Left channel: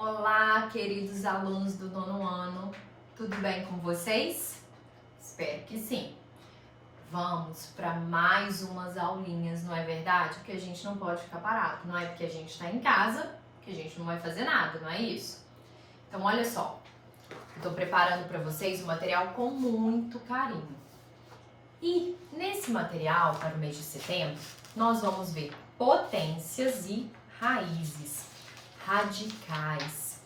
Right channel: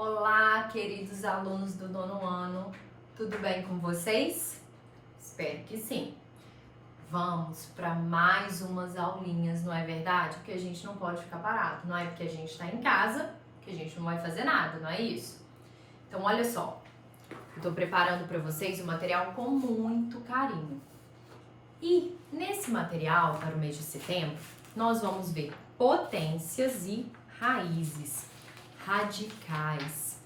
Olá, queridos alunos do nono ano, tudo bem com vocês? Espero que sim. Vamos para mais umas aulinhas, não é verdade? Porque a gente não pode ficar parado, não é porque a gente está em casa que a gente não vai fazer nada, não é isso? Então, olha só, eu estou preparando para vocês o material com muito carinho. E nesse material, para o mês de setembro, nós vamos ver potências e raízes, radicais.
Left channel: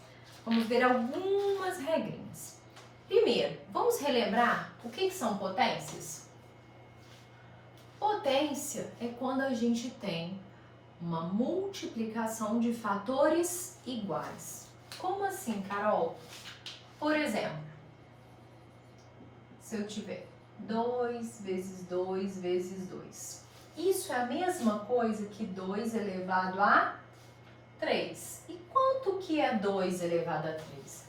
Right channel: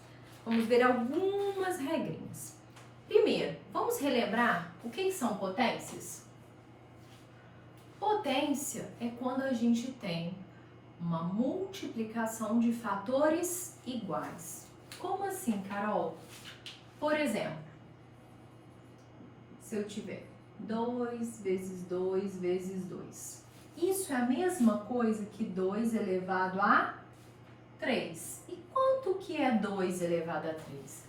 Vamos ver algumas regrinhas. Primeiro, vamos relembrar o que são potências? Potência é quando a gente tem uma multiplicação de fatores iguais. Como assim, Carol? Por exemplo, se eu tiver 2 vezes 2 vezes 2. Isso é a mesma coisa que 2 elevado a 3. E quanto que é 2 elevado a 3?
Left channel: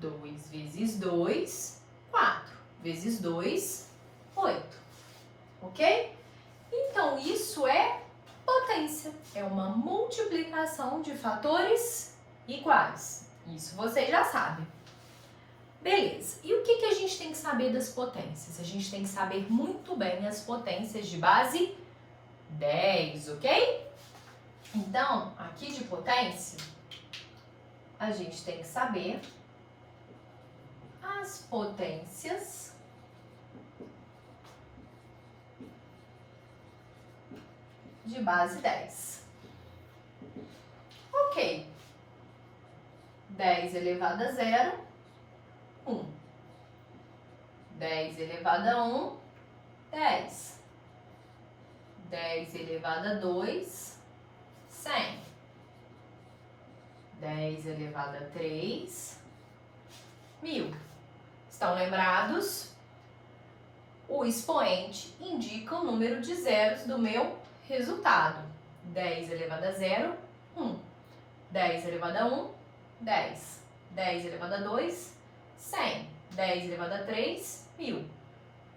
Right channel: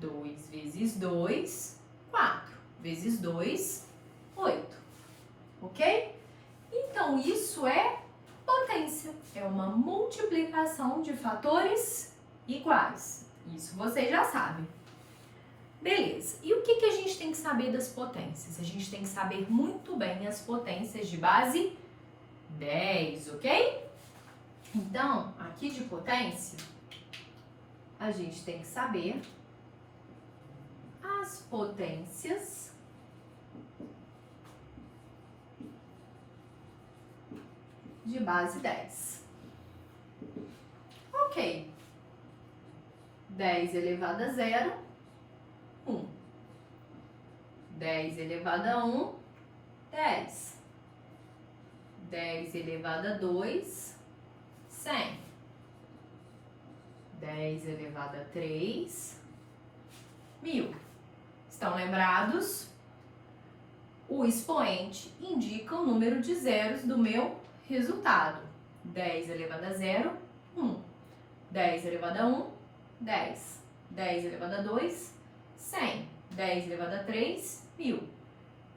2 vezes 2, 4. Vezes 2, 8. Ok? Então, isso é potência. É uma multiplicação de fatores iguais. Isso vocês já sabem. Beleza. E o que a gente tem que saber das potências? A gente tem que saber muito bem as potências de base 10, ok? Então, aqui de potência, a gente tem que saber as potências de base 10. Ok. 10 elevado a 0, 1. 10 elevado a 1, 10. 10 elevado a 2, 100. 10 elevado a 3, 1000. Estão lembrados? O expoente indica o número de zeros do meu resultado. 10 elevado a 0, 1. 10 elevado a 1, 10. 10 elevado a 2, 100. 10 elevado a 3, 1000.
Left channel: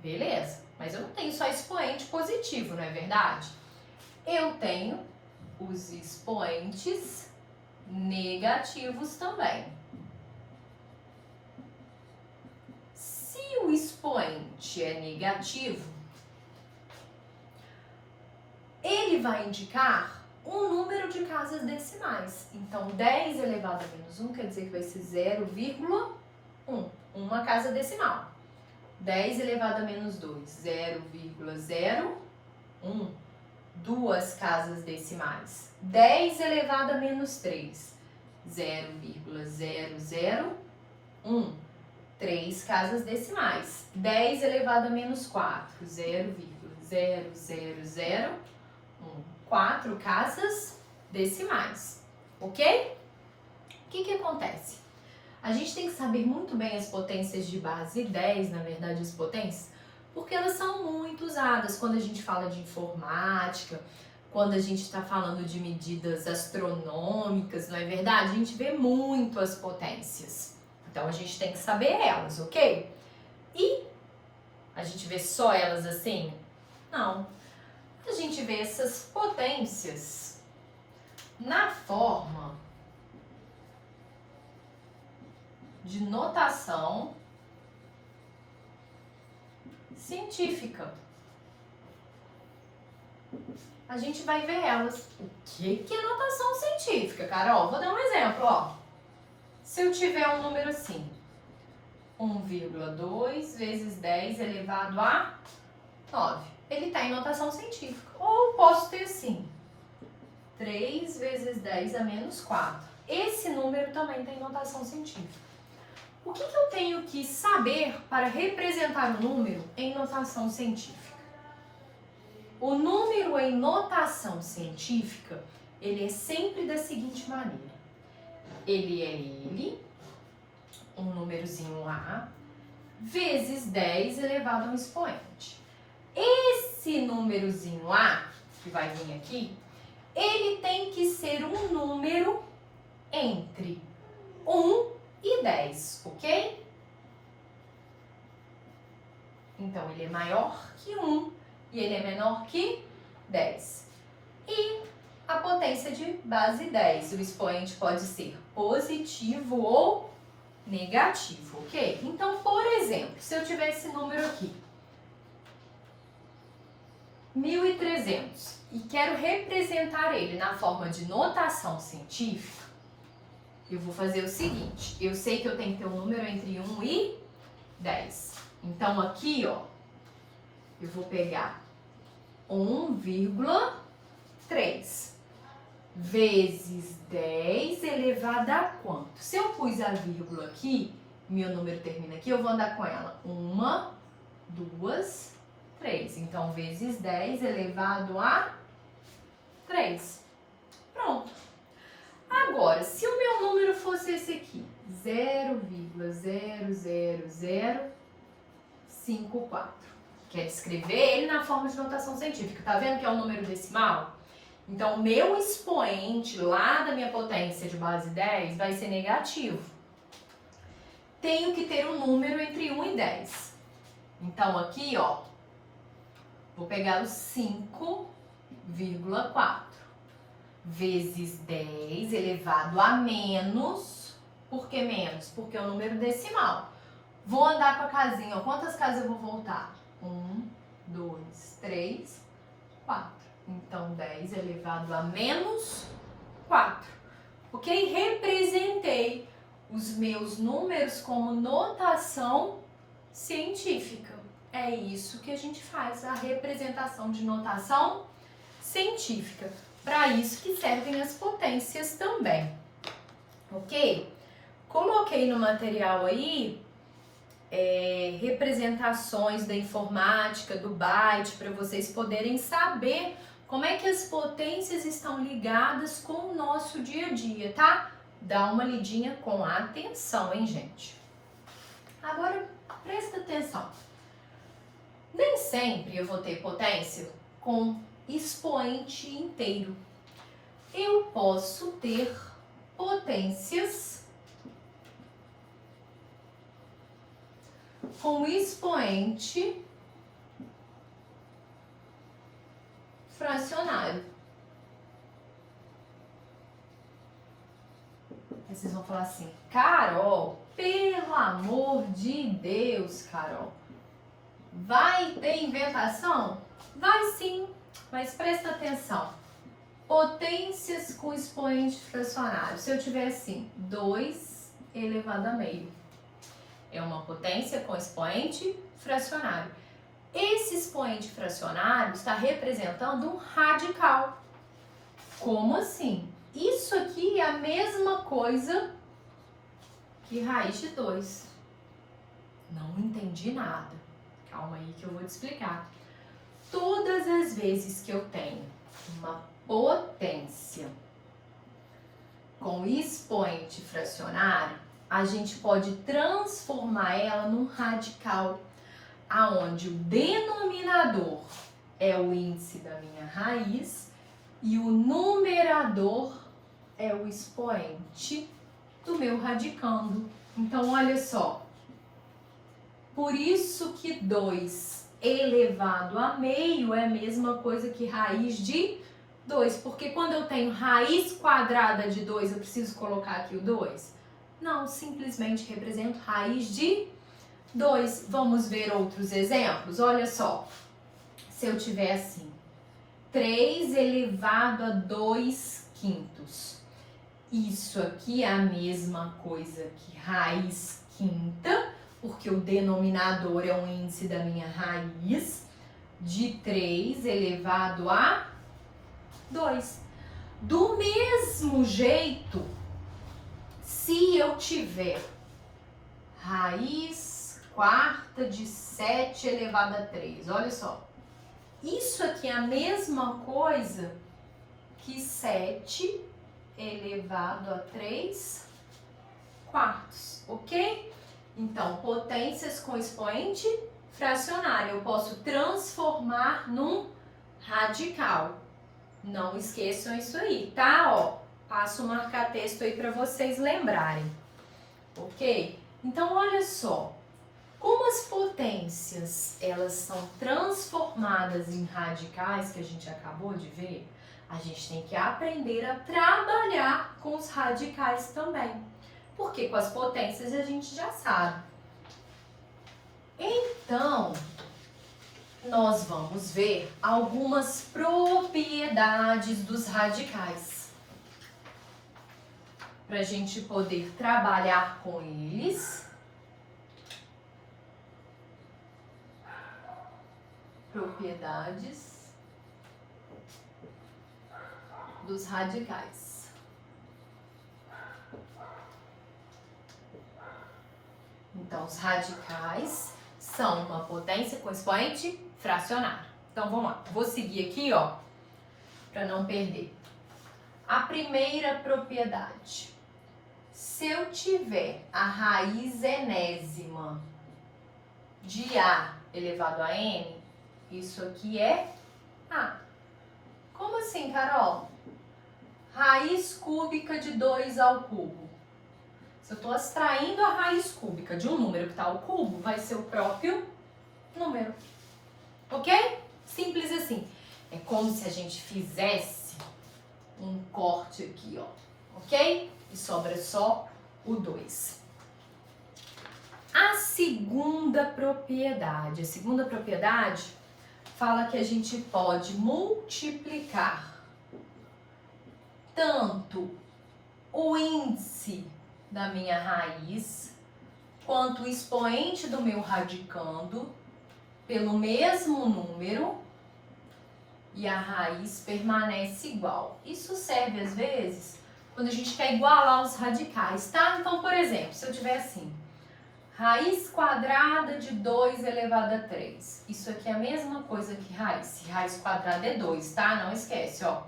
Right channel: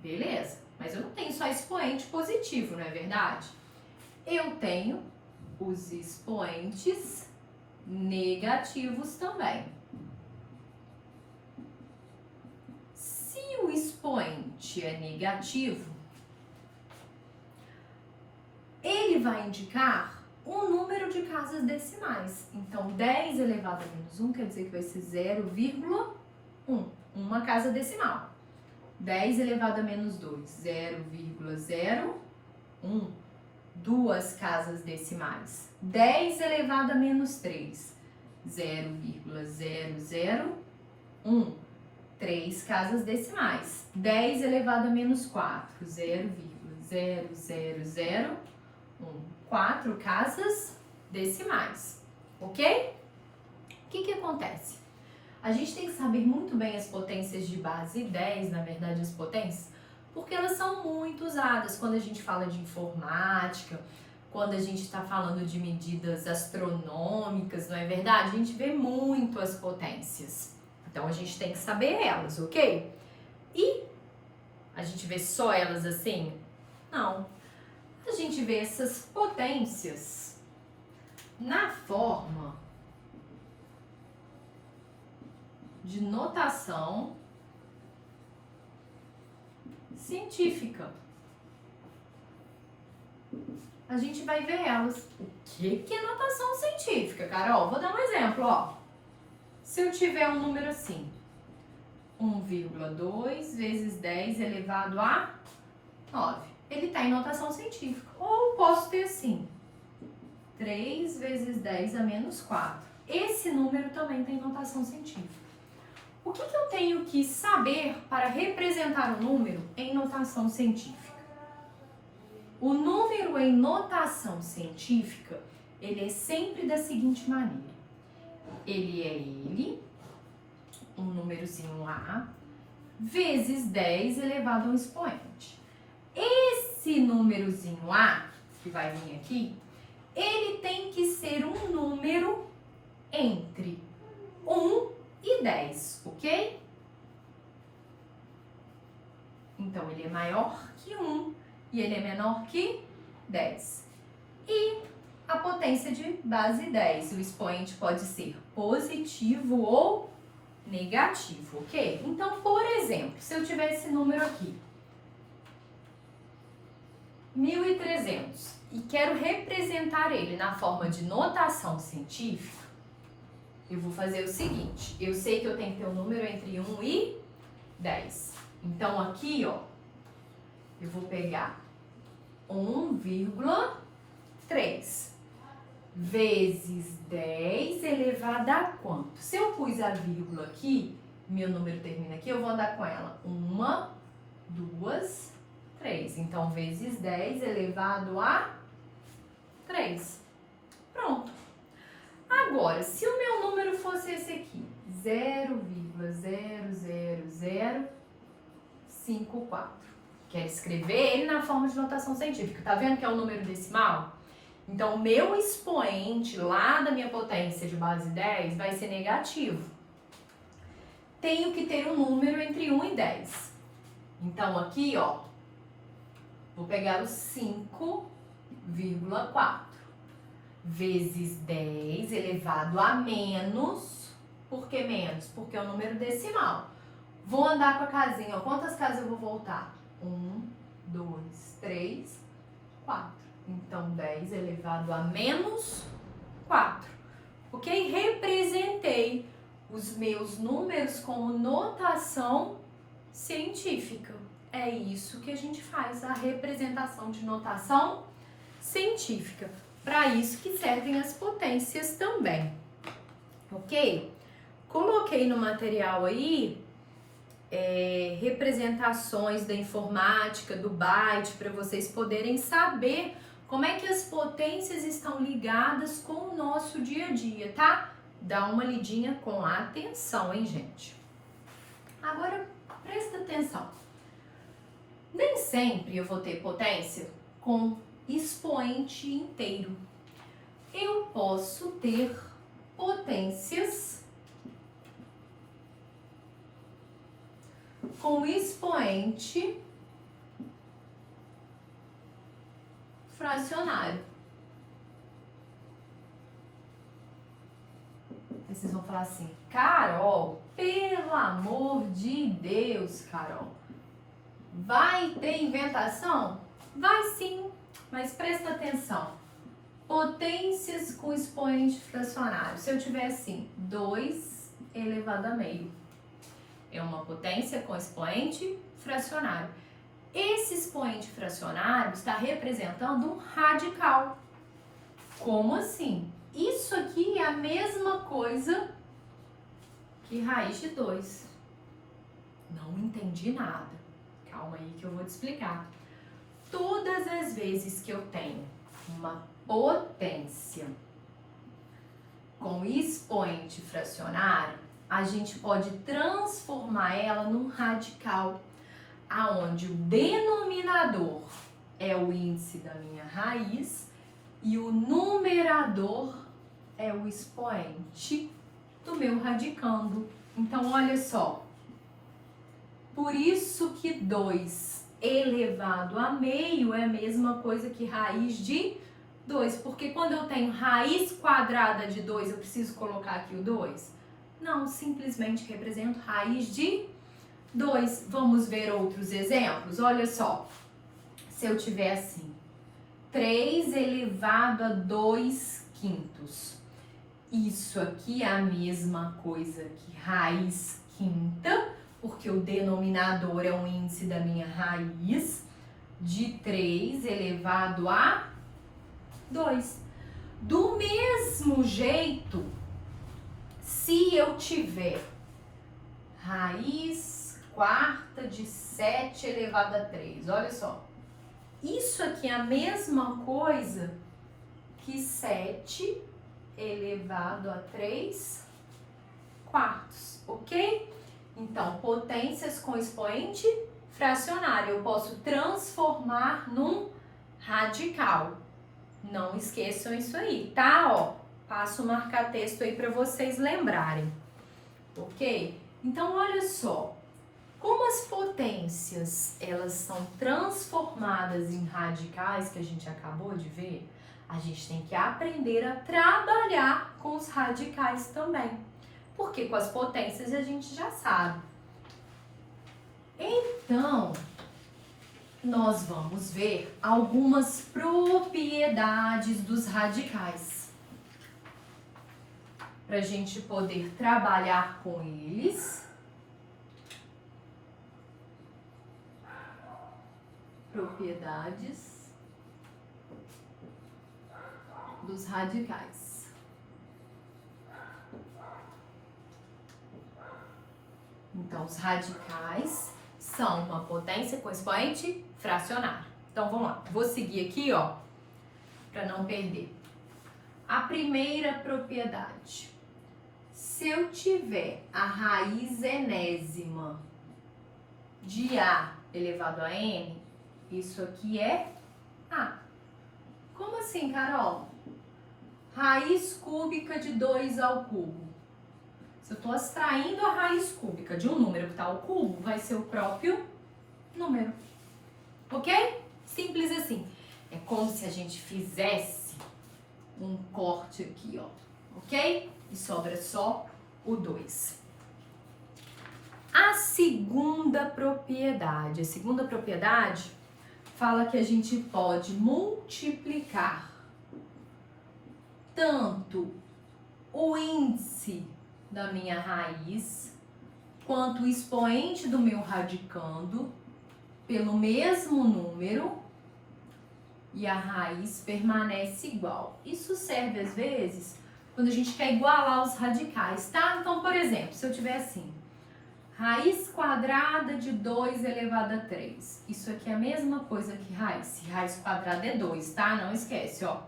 Beleza? Mas eu não tenho só expoente positivo, não é verdade? Eu tenho os expoentes negativos também. Se o expoente é negativo, ele vai indicar um número de casas decimais. Então, 10 elevado a menos 1 quer dizer que vai ser 0,1. Uma casa decimal. 10 elevado a menos 2, 0,01. Duas casas decimais. 10 elevado a menos 3, 0,001. Três casas decimais. 10 elevado a menos 4, 0,0001. 4 casas decimais. Ok? O que acontece? A gente tem que saber muito bem as potências de base 10, na verdade, as potências, porque elas são muito usadas quando a gente fala de informática, quando a gente está falando de medidas astronômicas, não é verdade? A gente vê muito as potências. Então, a gente tem que saber elas, ok? E a gente vê só elas assim? Não. A gente vê essas potências na forma de notação científica. A gente vai ver elas. O que é notação científica, Carol? Vou dar um exemplo, ó. Se eu tiver um número assim, 1,2 vezes 10 elevado a 9. Ele está em notação científica. Ou posso ter assim, 3 vezes 10 a menos 4. Esse número também tem notação científica. O que eu tenho que saber para representar o número em notação científica? O número em notação científica, ele é sempre da seguinte maneira. Ele é um númerozinho lá, vezes 10 elevado a um expoente. Esse númerozinho lá, que vai vir aqui, ele tem que ser um número entre 1 e 10, ok? Então, ele é maior que 1 e ele é menor que 10. E a potência potência de base 10. O expoente pode ser positivo ou negativo, ok? Então, por exemplo, se eu tiver esse número aqui, 1.300, e quero representar ele na forma de notação científica, eu vou fazer o seguinte, eu sei que eu tenho que ter um número entre 1 e 10. Então, aqui, ó, eu vou pegar 1,3 vezes 10 elevado a quanto? Se eu pus a vírgula aqui, meu número termina aqui, eu vou andar com ela. 1, 2, 3. Então, vezes 10 elevado a 3. Pronto. Agora, se o meu número fosse esse aqui, 0,00054, quero escrever ele na forma de notação científica. Tá vendo que é um número decimal? Então, o meu expoente lá da minha potência de base 10 vai ser negativo. Tenho que ter um número entre 1 e 10. Então, aqui, ó, vou pegar o 5,4 vezes 10 elevado a menos. Por que menos? Porque é um número decimal. Vou andar com a casinha, ó. Quantas casas eu vou voltar? 1, 2, 3, 4. Então, 10 elevado a menos 4. Ok? Representei os meus números como notação científica. É isso que a gente faz, a representação de notação científica. Para isso que servem as potências também. Ok? Coloquei no material aí representações da informática, do byte, para vocês poderem saber como é que as potências estão ligadas com o nosso dia a dia, tá? Dá uma lidinha com atenção, hein, gente? Agora, presta atenção. Nem sempre eu vou ter potência com expoente inteiro. Eu posso ter potências com expoente fracionário. Aí vocês vão falar assim, Carol, pelo amor de Deus, Carol, vai ter inventação? Vai sim, mas presta atenção. Potências com expoente fracionário. Se eu tiver assim, 2 elevado a meio. É uma potência com expoente fracionário. Esse expoente fracionário está representando um radical. Como assim? Isso aqui é a mesma coisa que raiz de 2. Não entendi nada. Calma aí que eu vou te explicar. Todas as vezes que eu tenho uma potência com expoente fracionário, a gente pode transformar ela num radical, aonde o denominador é o índice da minha raiz e o numerador é o expoente do meu radicando. Então, olha só. Por isso que 2 elevado a meio é a mesma coisa que raiz de 2. Porque quando eu tenho raiz quadrada de 2, eu preciso colocar aqui o 2? Não, simplesmente represento raiz de 2. Vamos ver outros exemplos? Olha só. Se eu tiver assim, 3 elevado a 2 quintos. Isso aqui é a mesma coisa que raiz quinta, porque o denominador é o índice da minha raiz, de 3 elevado a 2. Do mesmo jeito, se eu tiver raiz quarta de 7 elevado a 3, olha só. Isso aqui é a mesma coisa que 7 elevado a 3 quartos, ok? Então, potências com expoente fracionário, eu posso transformar num radical. Não esqueçam isso aí, tá? Ó, passo o marca-texto aí para vocês lembrarem, ok? Então, olha só, como as potências, elas são transformadas em radicais, que a gente acabou de ver, A gente tem que aprender a trabalhar com os radicais também. Porque com as potências a gente já sabe. Então, nós vamos ver algumas propriedades dos radicais. Para a gente poder trabalhar com eles. Propriedades dos radicais. Então, os radicais são uma potência com expoente fracionário. Então, vamos lá. Vou seguir aqui, ó, para não perder. A primeira propriedade. Se eu tiver a raiz enésima de A elevado a N, isso aqui é A. Como assim, Carol? Raiz cúbica de 2 ao cubo. Se eu estou extraindo a raiz cúbica de um número que está ao cubo, vai ser o próprio número. Ok? Simples assim. É como se a gente fizesse um corte aqui, ó. Ok? E sobra só o 2. A segunda propriedade. A segunda propriedade fala que a gente pode multiplicar tanto o índice da minha raiz quanto o expoente do meu radicando pelo mesmo número e a raiz permanece igual. Isso serve às vezes quando a gente quer igualar os radicais, tá? Então, por exemplo, se eu tiver assim, raiz quadrada de 2 elevado a 3. Isso aqui é a mesma coisa que raiz. Se raiz quadrada é 2, tá? Não esquece, ó.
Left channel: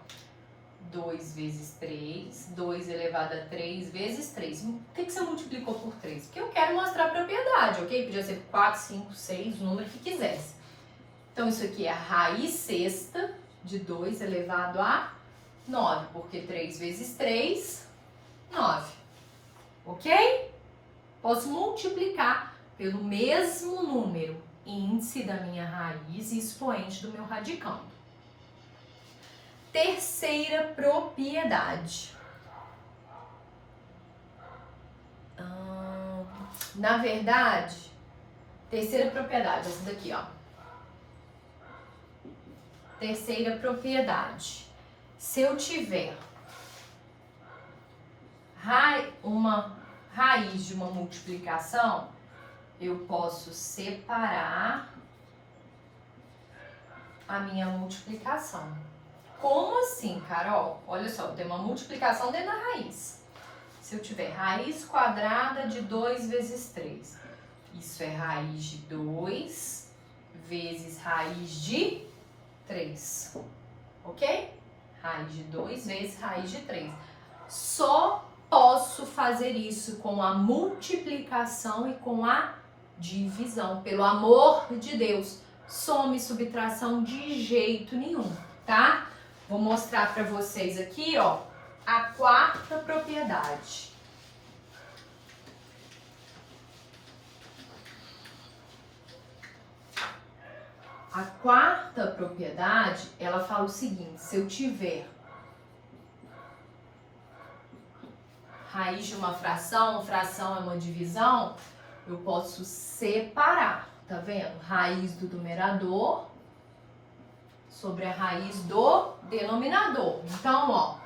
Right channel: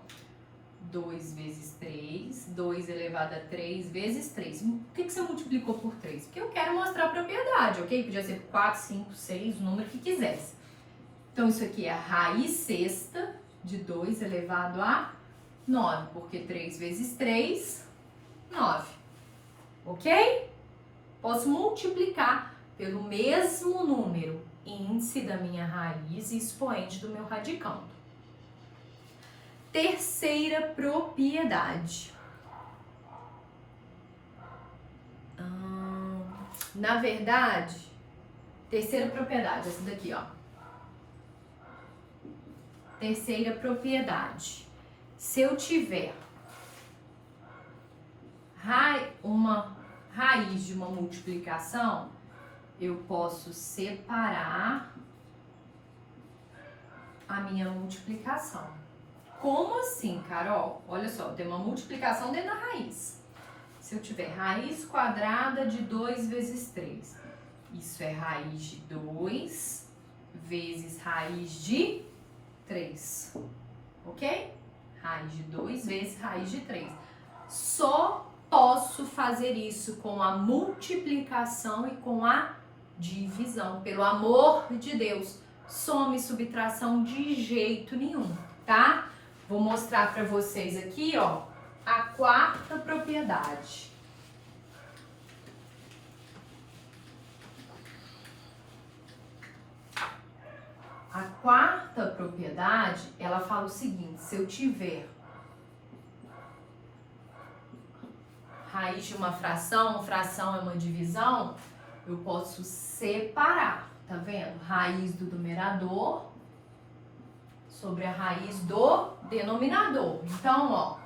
2 vezes 3, 2 elevado a 3 vezes 3. Por que você multiplicou por 3? Porque eu quero mostrar a propriedade, ok? Podia ser 4, 5, 6, o número que quisesse. Então, isso aqui é a raiz sexta de 2 elevado a 9, porque 3 vezes 3, 9. Ok? Posso multiplicar pelo mesmo número, índice da minha raiz e expoente do meu radicando. Terceira propriedade. Na verdade, terceira propriedade, essa daqui, ó. Terceira propriedade. Se eu tiver uma raiz de uma multiplicação, eu posso separar a minha multiplicação. Como assim, Carol? Olha só, tem uma multiplicação dentro da raiz. Se eu tiver raiz quadrada de 2 vezes 3, isso é raiz de 2 vezes raiz de 3, ok? Raiz de 2 vezes raiz de 3. Só posso fazer isso com a multiplicação e com a divisão. Pelo amor de Deus, soma e subtração de jeito nenhum, tá? Vou mostrar para vocês aqui, ó, a quarta propriedade. A quarta propriedade, ela fala o seguinte: se eu tiver raiz de uma fração é uma divisão, eu posso separar, tá vendo? Raiz do numerador sobre a raiz do denominador. Então, ó,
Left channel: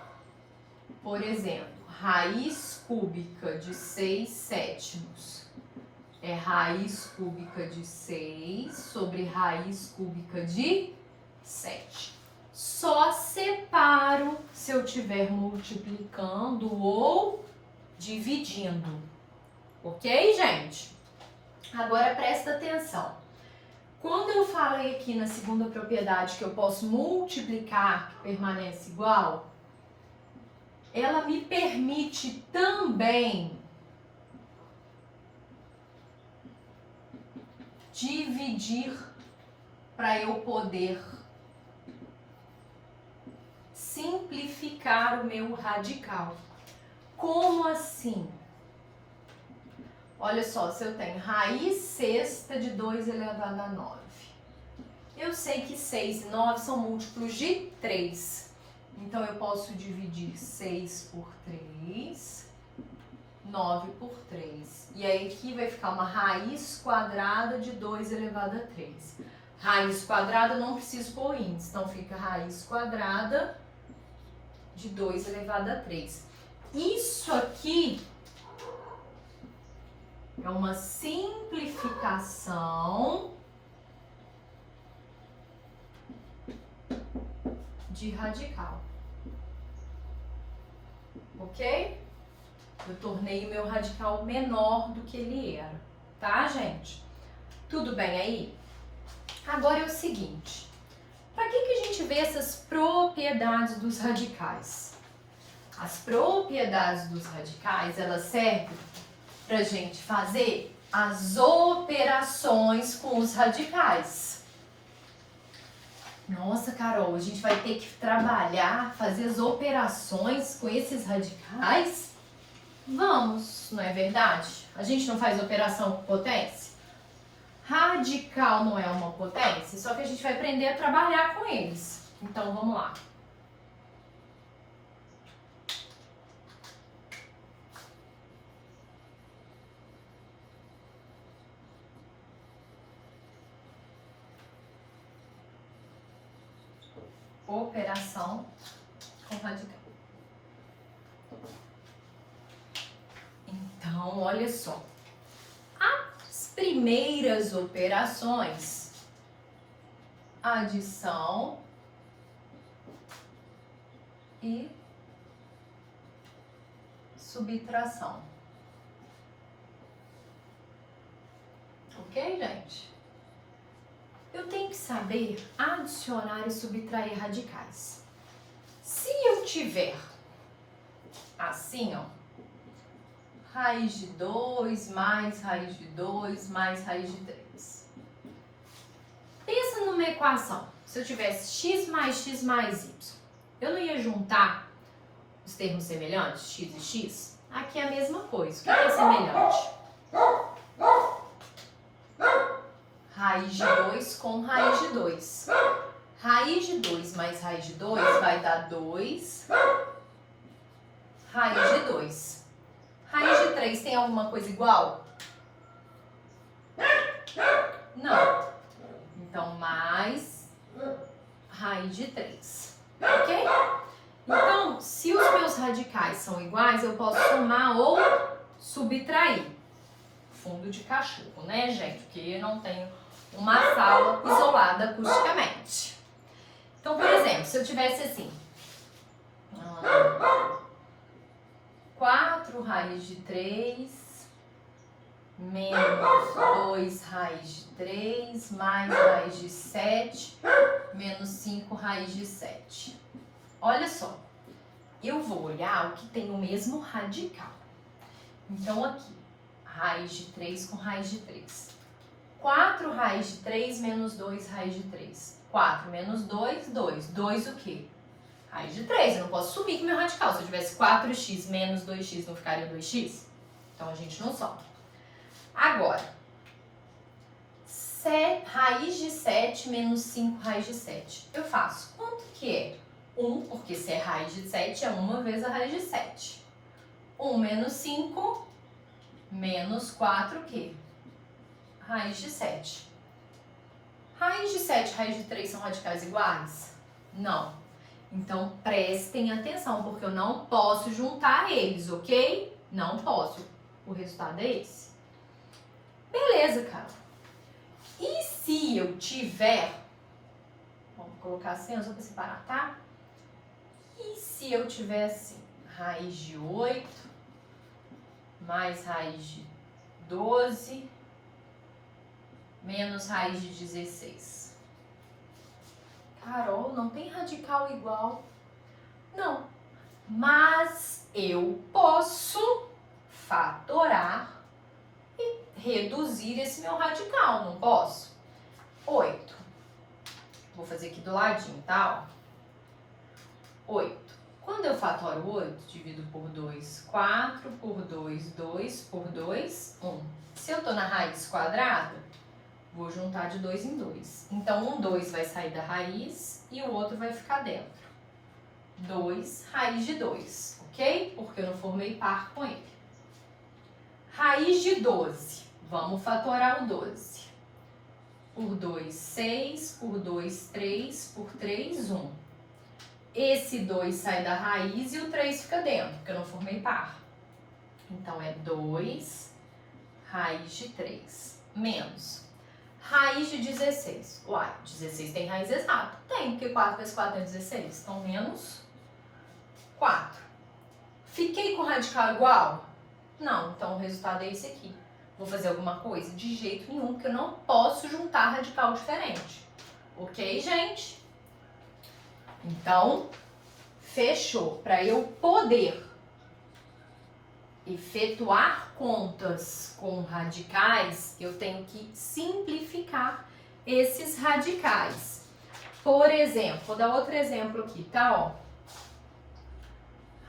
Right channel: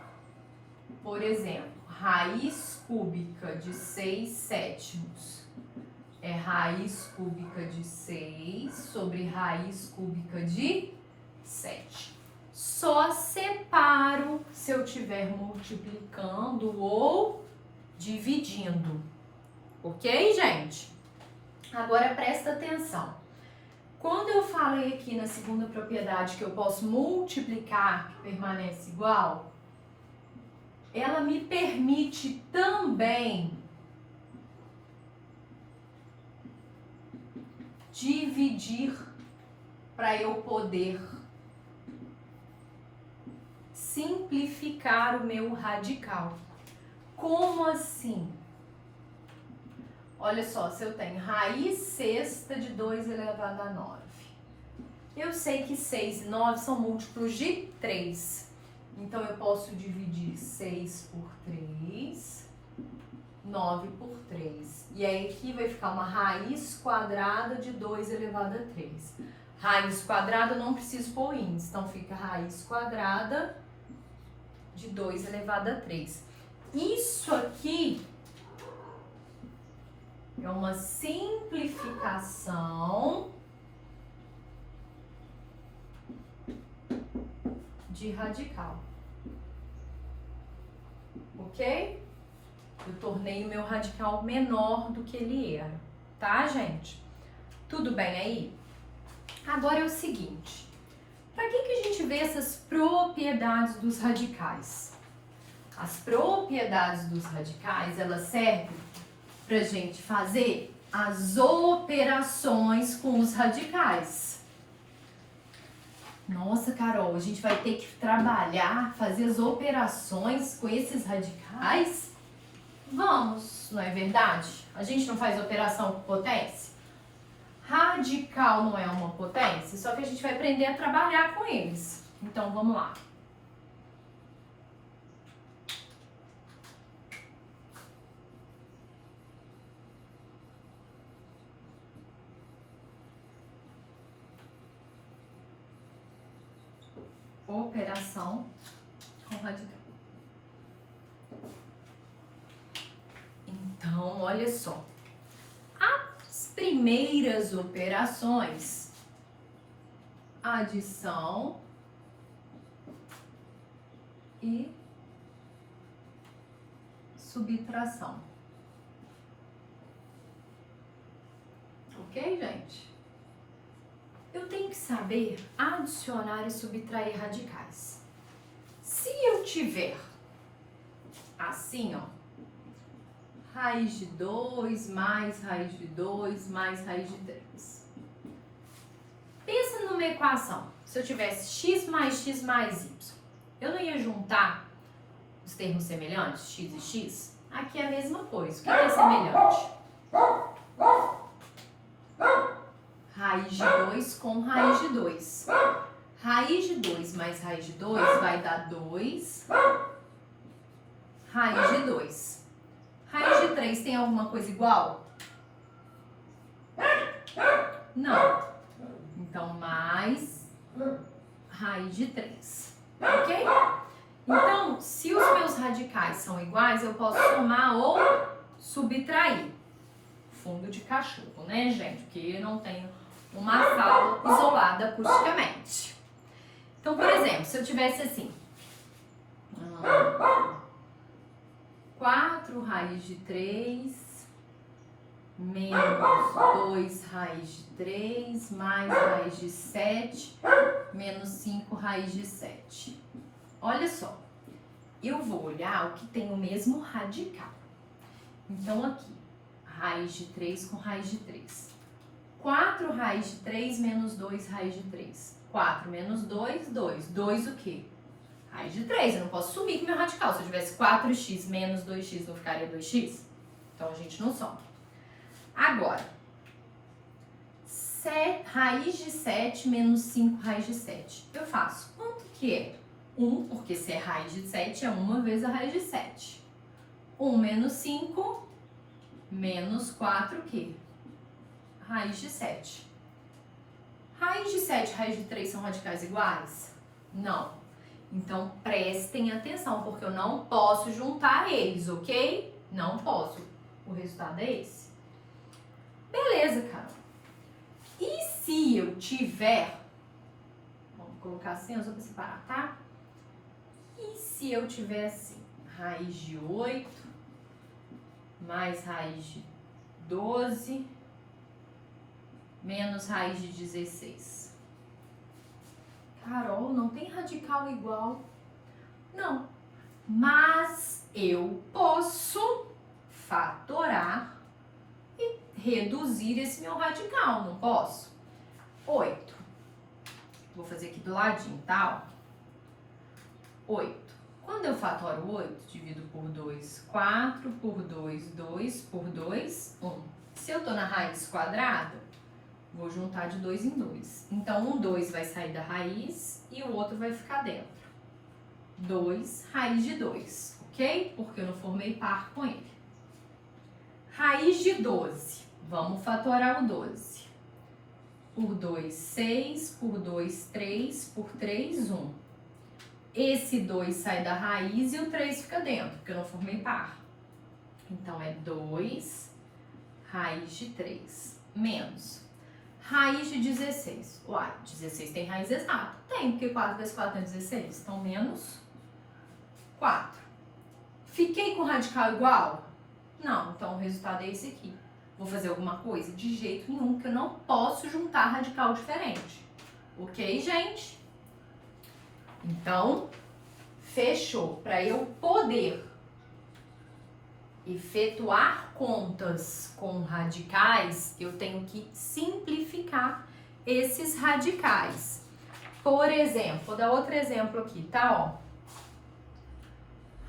por exemplo, raiz cúbica de 6 sétimos é raiz cúbica de 6 sobre raiz cúbica de 7. Só separo se eu estiver multiplicando ou dividindo. Ok, gente? Agora presta atenção. Quando eu falei aqui na segunda propriedade que eu posso multiplicar, que permanece igual, ela me permite também dividir para eu poder simplificar o meu radical. Como assim? Olha só, se eu tenho raiz sexta de 2 elevado a 9. Eu sei que 6 e 9 são múltiplos de 3. Então, eu posso dividir 6 por 3, 9 por 3. E aí, aqui vai ficar uma raiz quadrada de 2 elevado a 3. Raiz quadrada, eu não preciso pôr índice. Então, fica raiz quadrada de 2 elevado a 3. Isso aqui é uma simplificação de radical. Ok? Eu tornei o meu radical menor do que ele era. Tá, gente? Tudo bem aí? Agora é o seguinte. Para que a gente vê essas propriedades dos radicais? As propriedades dos radicais, elas servem para a gente fazer as operações com os radicais. Nossa, Carol, a gente vai ter que trabalhar, fazer as operações com esses radicais? Vamos, não é verdade? A gente não faz operação com potência? Radical não é uma potência, só que a gente vai aprender a trabalhar com eles. Então, vamos lá. Operação com radical. Então, olha só. As primeiras operações, adição e subtração. Ok, gente? Eu tenho que saber adicionar e subtrair radicais. Se eu tiver assim, ó, raiz de 2 mais raiz de 2 mais raiz de 3. Pensa numa equação. Se eu tivesse x mais y, eu não ia juntar os termos semelhantes, x e x? Aqui é a mesma coisa. O que é semelhante? Raiz de 2 com raiz de 2. Raiz de 2 mais raiz de 2 vai dar 2 raiz de 2. Raiz de 3 tem alguma coisa igual? Não. Então, mais raiz de 3. Ok? Então, se os meus radicais são iguais, eu posso somar ou subtrair. Fundo de cachorro, né, gente? Porque eu não tenho uma sala isolada acusticamente. Então, por exemplo, se eu tivesse assim, 4 raiz de 3 menos 2 raiz de 3 mais raiz de 7 menos 5 raiz de 7. Olha só, eu vou olhar o que tem o mesmo radical. Então, aqui, raiz de 3 com raiz de 3. 4 raiz de 3 menos 2 raiz de 3. 4 menos 2, 2. 2 o quê? Raiz de 3. Eu não posso sumir com o meu radical. Se eu tivesse 4x menos 2x, não ficaria 2x? Então, a gente não soma. Agora, raiz de 7 menos 5 raiz de 7. Eu faço quanto que é? 1, porque se é raiz de 7, é 1 vezes a raiz de 7. 1 menos 5 menos 4 o quê? Raiz de 7. Raiz de 7 e raiz de 3 são radicais iguais? Não. Então, prestem atenção, porque eu não posso juntar eles, ok? Não posso. O resultado é esse. Beleza, cara. E se eu tiver... Vamos colocar assim, só para separar, tá? E se eu tiver assim, raiz de 8 mais raiz de 12 menos raiz de 16. Carol, não tem radical igual. Não. Mas eu posso fatorar e reduzir esse meu radical, não posso? 8. Vou fazer aqui do ladinho, tá? 8. Quando eu fatoro 8, divido por 2, 4 por 2, 2 por 2, 1. Se eu tô na raiz quadrada, vou juntar de 2 em 2. Então, 2 vai sair da raiz e o outro vai ficar dentro. 2 raiz de 2, ok? Porque eu não formei par com ele. Raiz de 12. Vamos fatorar o 12. Por 2, 6. Por 2, 3. Por 3, 1. Esse 2 sai da raiz e o 3 fica dentro, porque eu não formei par. Então, é 2 raiz de 3 menos raiz de 16. Uai, 16 tem raiz exata? Tem, porque 4 vezes 4 é 16. Então, menos 4. Fiquei com radical igual? Não, então o resultado é esse aqui. Vou fazer alguma coisa? De jeito nenhum, porque eu não posso juntar radical diferente. Ok, gente? Então, fechou. Para eu poder efetuar contas com radicais, eu tenho que simplificar esses radicais. Por exemplo, vou dar outro exemplo aqui, tá? Ó.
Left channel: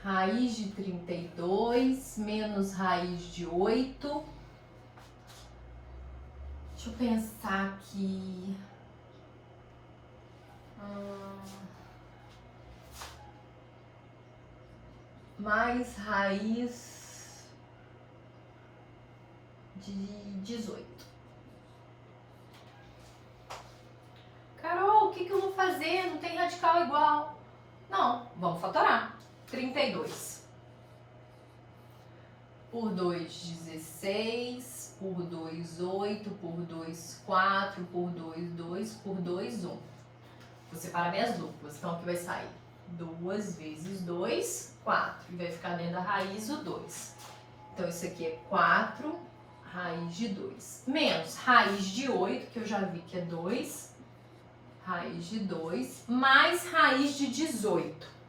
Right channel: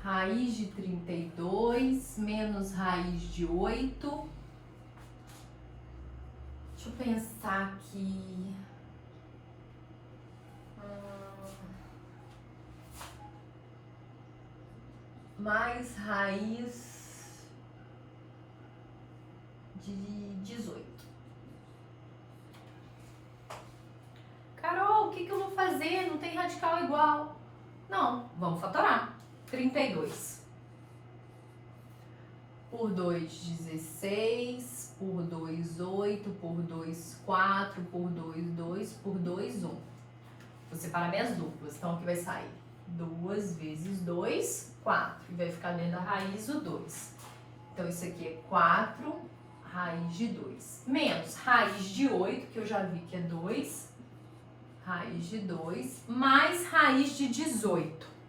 Raiz de 32 menos raiz de 8. Deixa eu pensar aqui. Mais raiz de 18. Carol, o que eu vou fazer? Não tem radical igual. Não, vamos fatorar. 32. Por 2, 16. Por 2, 8. Por 2, 4. Por 2, 2. Por 2, 1. Vou separar minhas duplas. Então, aqui vai sair 2 vezes 2, 4. E vai ficar dentro da raiz o 2. Então, isso aqui é 4 raiz de 2. Menos raiz de 8, que eu já vi que é 2. Raiz de 2. Mais raiz de 18.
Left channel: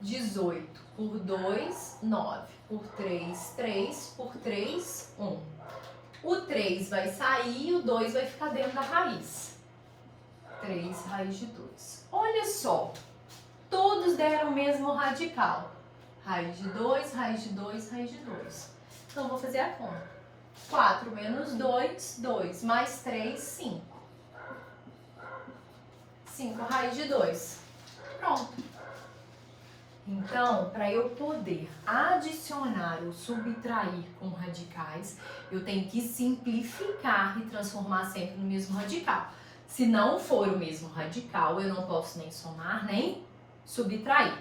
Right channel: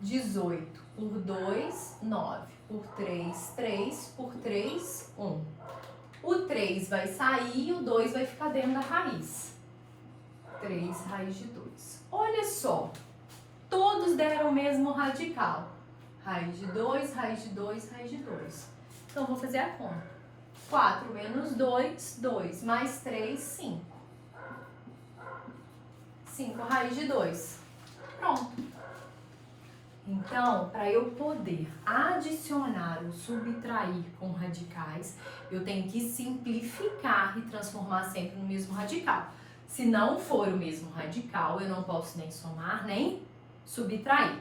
18 por 2, 9. Por 3, 3. Por 3, 1. O 3 vai sair e o 2 vai ficar dentro da raiz. 3 raiz de 2. Olha só, todos deram o mesmo radical. Raiz de 2, raiz de 2, raiz de 2. Então, vou fazer a conta. 4 menos 2, 2. Mais 3, 5. 5 raiz de 2. Pronto. Então, para eu poder adicionar ou subtrair com radicais, eu tenho que simplificar e transformar sempre no mesmo radical. Se não for o mesmo radical, eu não posso nem somar, nem subtrair.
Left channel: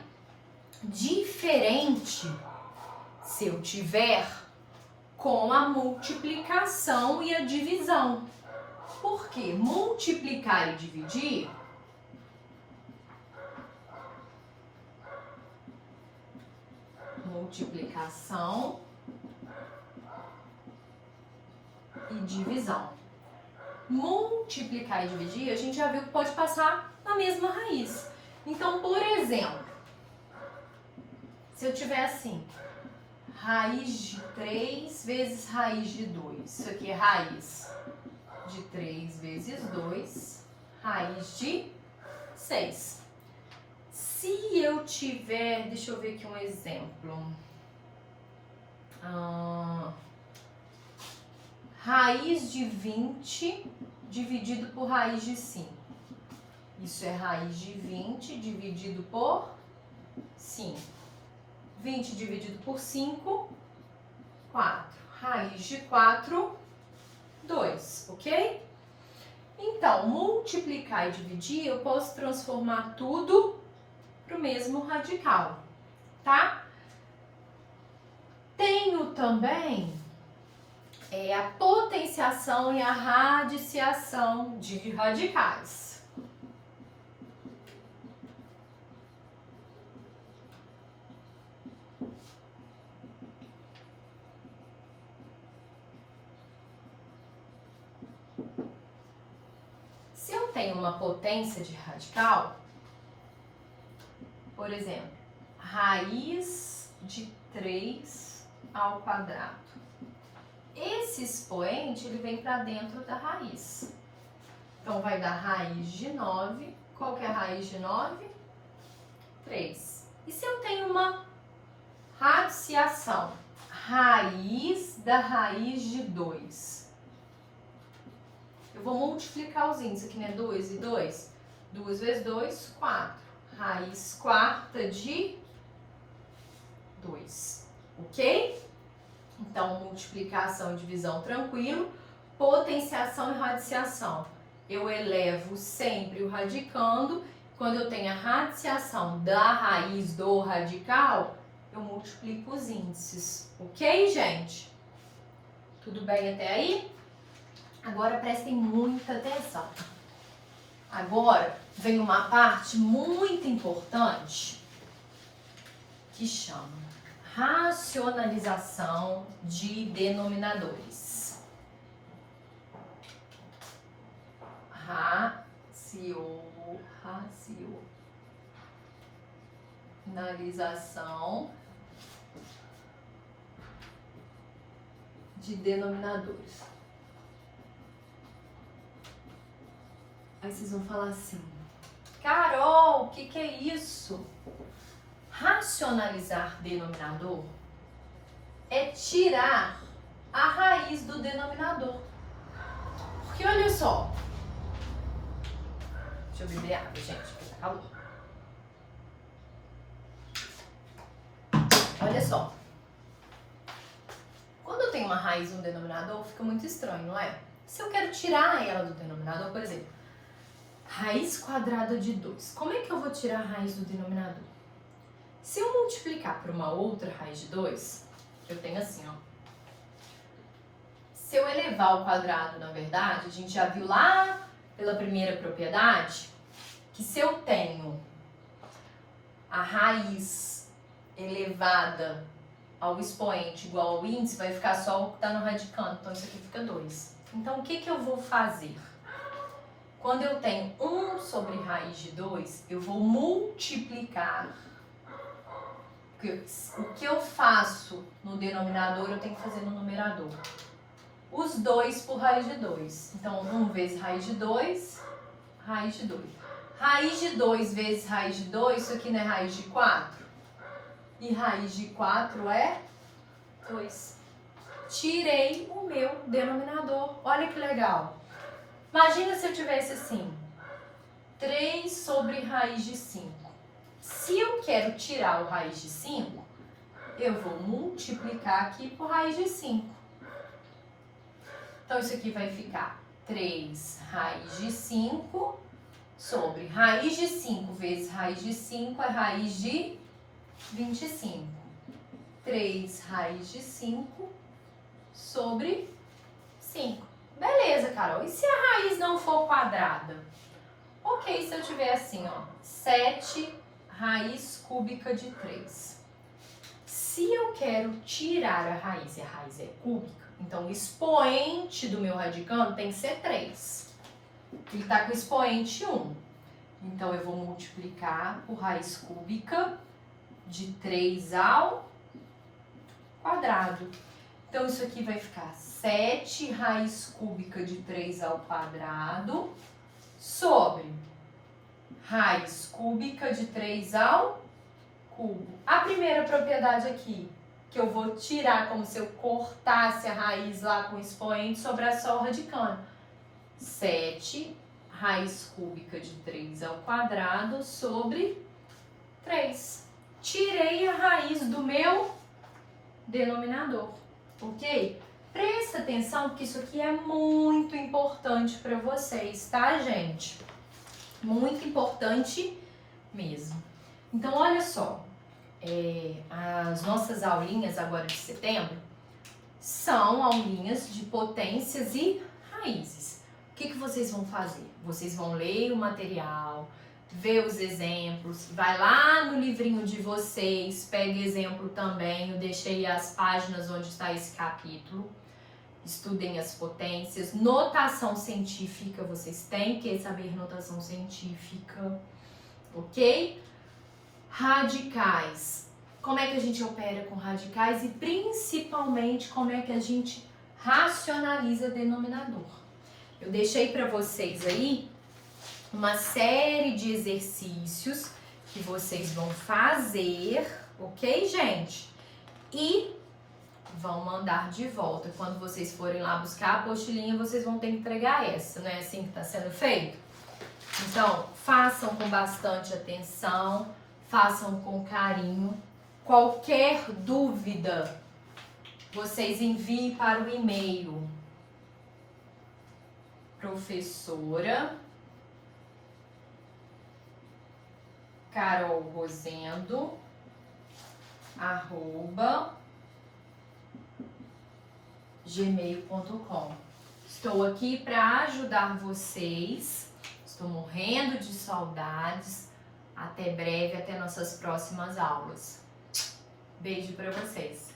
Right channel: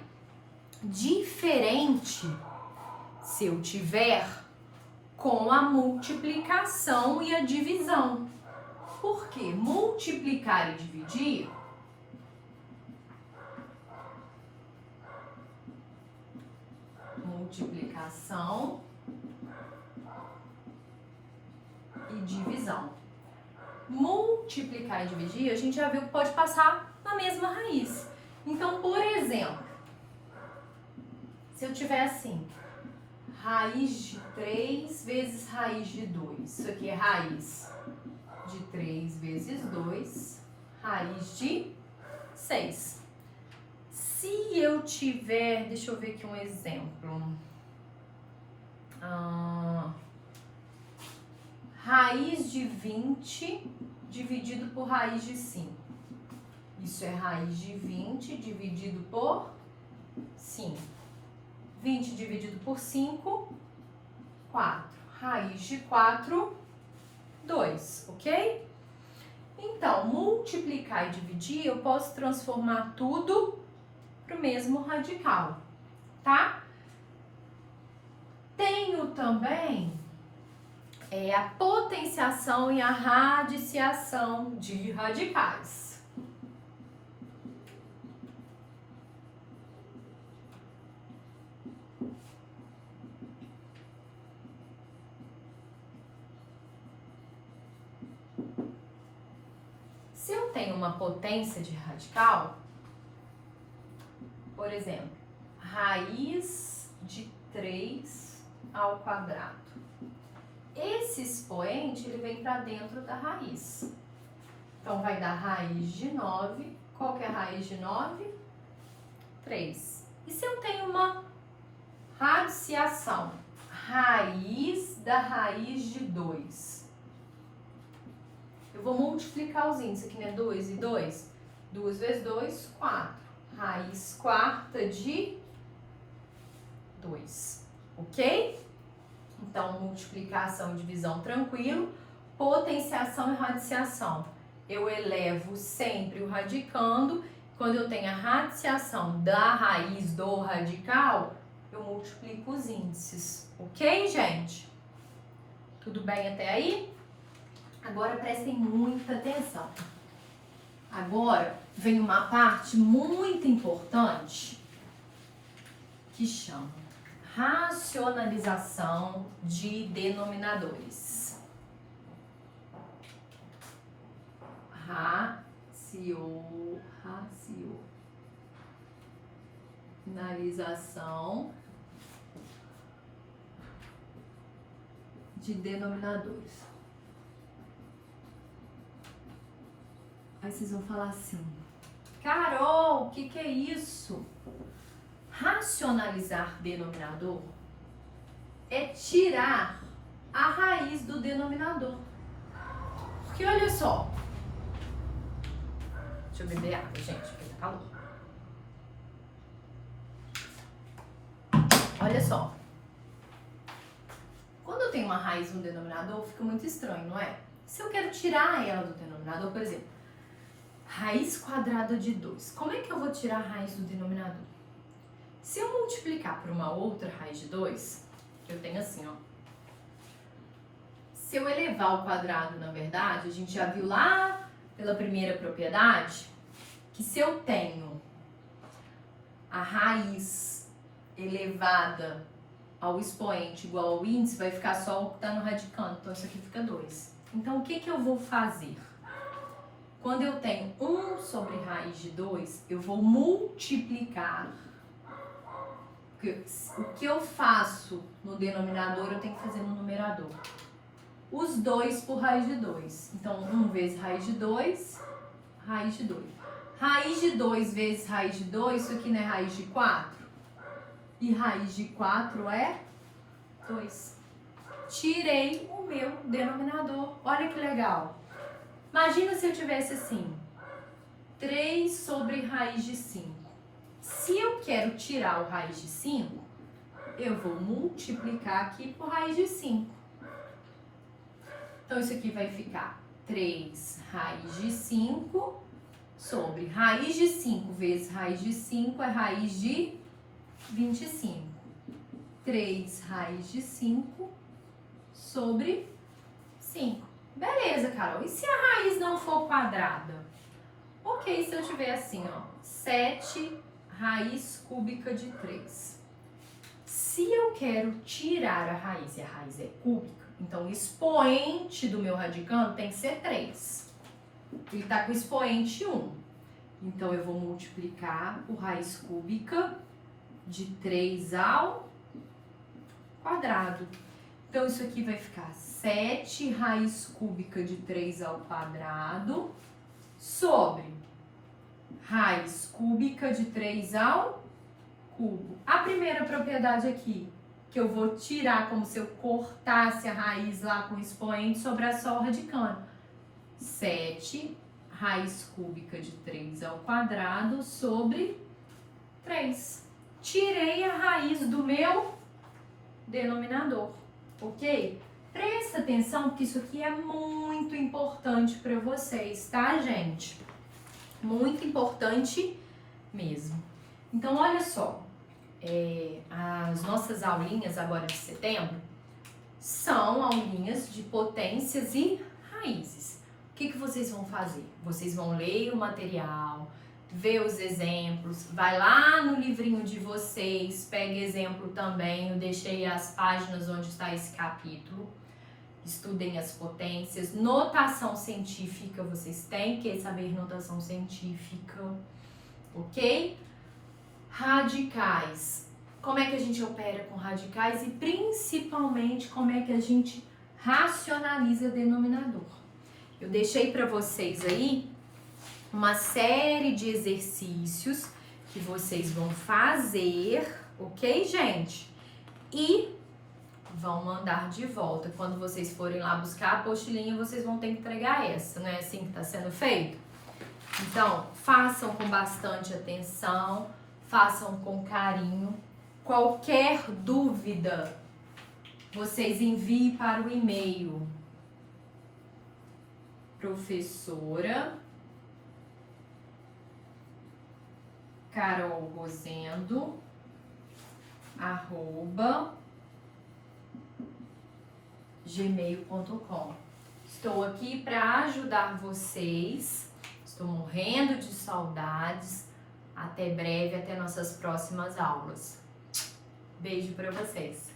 Diferente se eu tiver com a multiplicação e a divisão. Por quê? Multiplicar e dividir multiplicação e divisão. Multiplicar e dividir, a gente já viu que pode passar na mesma raiz. Então, por exemplo, se eu tiver assim, raiz de 3 vezes raiz de 2. Isso aqui é raiz de 3 vezes 2, raiz de 6. Se eu tiver, deixa eu ver aqui um exemplo. Raiz de 20 dividido por raiz de 5. Isso é raiz de 20 dividido por 5. 20 dividido por 5, 4. Raiz de 4, 2, ok? Então, multiplicar e dividir, eu posso transformar tudo para o mesmo radical, tá? Tenho também a potenciação e a radiciação de radicais. Se eu tenho uma potência de radical, por exemplo, raiz de 3 ao quadrado. Esse expoente, ele vem para dentro da raiz. Então, vai dar raiz de 9. Qual que é a raiz de 9? 3. E se eu tenho uma radiciação? Raiz da raiz de 2. Eu vou multiplicar os índices aqui, né? 2 e 2. 2 vezes 2, 4. raiz quarta de 2, ok? Então, multiplicação e divisão tranquilo, potenciação e radiciação. Eu elevo sempre o radicando, quando eu tenho a radiciação da raiz do radical, eu multiplico os índices, ok, gente? Tudo bem até aí? Agora prestem muita atenção. Agora vem uma parte muito importante que chama racionalização de denominadores. Racionalização de denominadores. Aí vocês vão falar assim, Carol, o que é isso? Racionalizar denominador é tirar a raiz do denominador. Porque olha só. Deixa eu beber água, gente, porque tá calor. Olha só. Quando eu tenho uma raiz no denominador, fica muito estranho, não é? Se eu quero tirar ela do denominador, por exemplo, raiz quadrada de 2. Como é que eu vou tirar a raiz do denominador? Se eu multiplicar por uma outra raiz de 2, eu tenho assim, ó. Se eu elevar ao quadrado, na verdade, a gente já viu lá pela primeira propriedade, que se eu tenho a raiz elevada ao expoente igual ao índice, vai ficar só o que está no radicando, então isso aqui fica 2. Então, o que eu vou fazer? Quando eu tenho 1 sobre raiz de 2, eu vou multiplicar. O que eu faço no denominador, eu tenho que fazer no numerador. Os 2 por raiz de 2. Então, 1 vezes raiz de 2, raiz de 2. Raiz de 2 vezes raiz de 2, isso aqui não é raiz de 4? E raiz de 4 é 2. Tirei o meu denominador. Olha que legal. Imagina se eu tivesse assim, 3 sobre raiz de 5. Se eu quero tirar o raiz de 5, eu vou multiplicar aqui por raiz de 5. Então, isso aqui vai ficar 3 raiz de 5 sobre raiz de 5 vezes raiz de 5 é raiz de 25. 3 raiz de 5 sobre 5. Beleza, Carol. E se a raiz não for quadrada? Ok, se eu tiver assim, ó, 7 raiz cúbica de 3. Se eu quero tirar a raiz e a raiz é cúbica, então o expoente do meu radicando tem que ser 3. Ele está com o expoente 1. Então, eu vou multiplicar por raiz cúbica de 3 ao quadrado. Então, isso aqui vai ficar 7 raiz cúbica de 3 ao quadrado sobre raiz cúbica de 3 ao cubo. A primeira propriedade aqui, que eu vou tirar como se eu cortasse a raiz lá com o expoente, sobrar só o radicando. 7 raiz cúbica de 3 ao quadrado sobre 3. Tirei a raiz do meu denominador, ok? Presta atenção, porque isso aqui é muito importante para vocês, tá, gente? Muito importante mesmo. Então, olha só, as nossas aulinhas agora de setembro são aulinhas de potências e raízes. O que vocês vão fazer? Vocês vão ler o material, ver os exemplos, vai lá no livrinho de vocês, pega exemplo também, eu deixei as páginas onde está esse capítulo. Estudem as potências, notação científica, vocês têm que saber notação científica, ok? Radicais, como é que a gente opera com radicais e principalmente como é que a gente racionaliza denominador. Eu deixei para vocês aí uma série de exercícios que vocês vão fazer, ok, gente? E vão mandar de volta. Quando vocês forem lá buscar a apostilinha, vocês vão ter que entregar essa, não é assim que está sendo feito? Então, Façam com bastante atenção, façam com carinho. Qualquer dúvida, vocês enviem para o e-mail professora Carol Rosendo @gmail.com. Estou aqui para ajudar vocês. Estou morrendo de saudades. Até breve, até nossas próximas aulas. Beijo para vocês.